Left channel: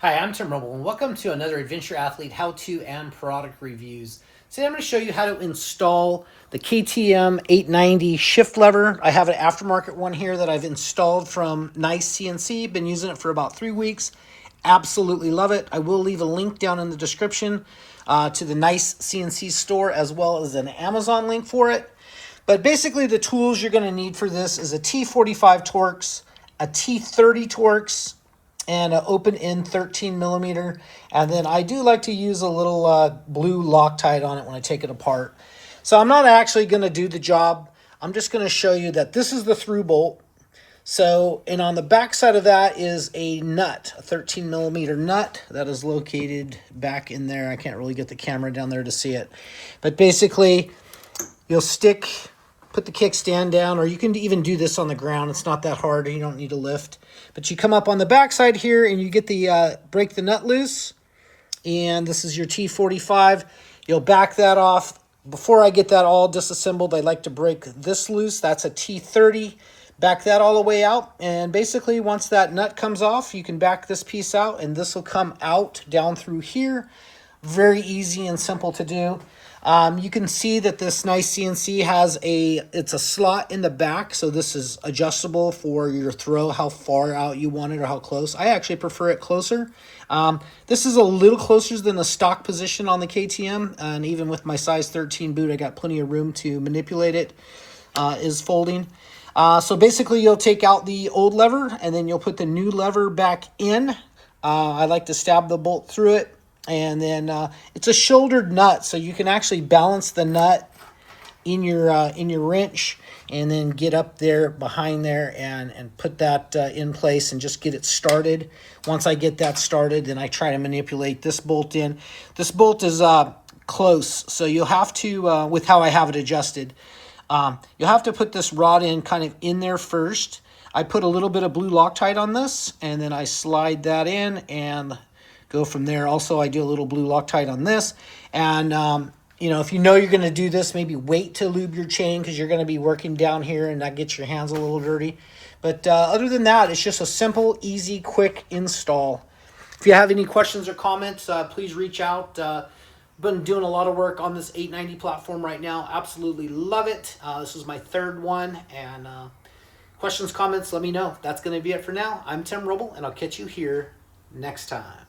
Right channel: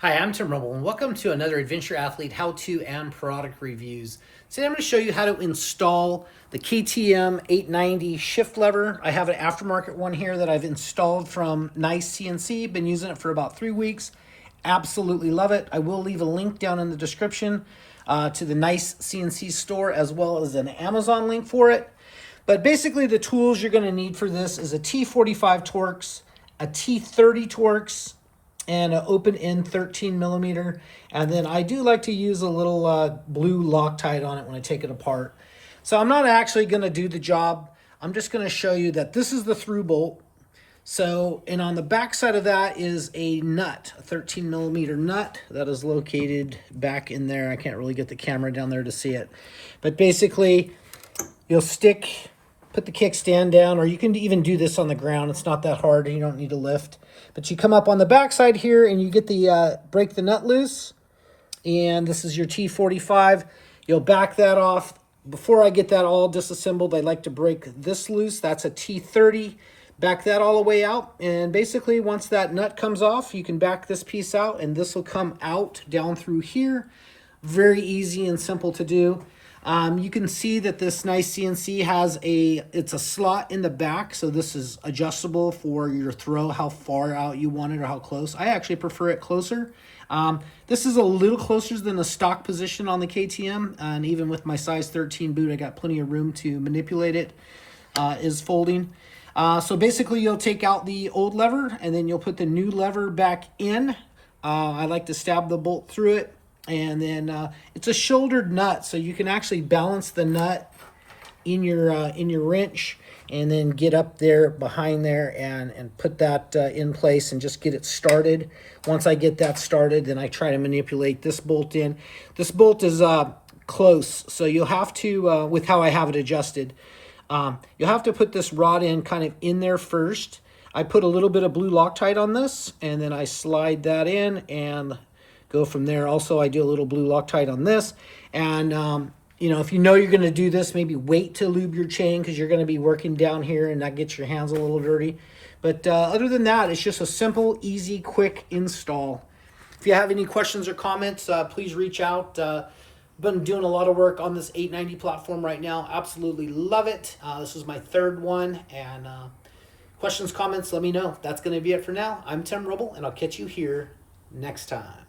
Hi, I'm Tim Rumble, and welcome to another Adventure Athlete how-to and product reviews. Today I'm going to show you how to install the KTM 890 shift lever. I have an aftermarket one here that I've installed from NiceCNC. Been using it for about 3 weeks. Absolutely love it. I will leave a link down in the description to the NiceCNC store as well as an Amazon link for it. But basically the tools you're going to need for this is a T45 Torx, a T30 Torx, and an open end 13 millimeter. And then I do like to use a little blue Loctite on it when I take it apart. So I'm not actually going to do the job. I'm just going to show you that this is the through bolt. So, and on the back side of that is a nut, a 13 millimeter nut that is located back in there. I can't really get the camera down there to see it. But basically, you'll put the kickstand down, or you can even do this on the ground. It's not that hard. You don't need to lift. But you come up on the back side here and you get the break the nut loose. And this is your T45. You'll back that off. Before I get that all disassembled, I like to break this loose. That's a T30. Back that all the way out. And basically, once that nut comes off, you can back this piece out, and this will come out down through here. Very easy and simple to do. You can see that this NiceCNC has it's a slot in the back, so this is adjustable for your throw, how far out you want it or how close. I actually prefer it closer. This is a little closer than the stock position on the KTM, and even with my size 13 boot, I got plenty of room to manipulate it, is folding. So basically, you'll take out the old lever, and then you'll put the new lever back in. I like to stab the bolt through it. And then it's a shouldered nut, so you can actually balance the nut in your wrench, and then get up there behind there and put that in place and just get it started. Once I get that started, then I try to manipulate this bolt in. This bolt is close, so you'll have to, with how I have it adjusted, you'll have to put this rod in kind of in there first. I put a little bit of blue Loctite on this, and then I slide that in and go from there. Also, I do a little blue Loctite on this. And, you know, if you know you're going to do this, maybe wait to lube your chain because you're going to be working down here and that gets your hands a little dirty. But other than that, it's just a simple, easy, quick install. If you have any questions or comments, please reach out. Been doing a lot of work on this 890 platform right now. Absolutely love it. This is my third one. And questions, comments, let me know. That's going to be it for now. I'm Tim Rubble, and I'll catch you here next time.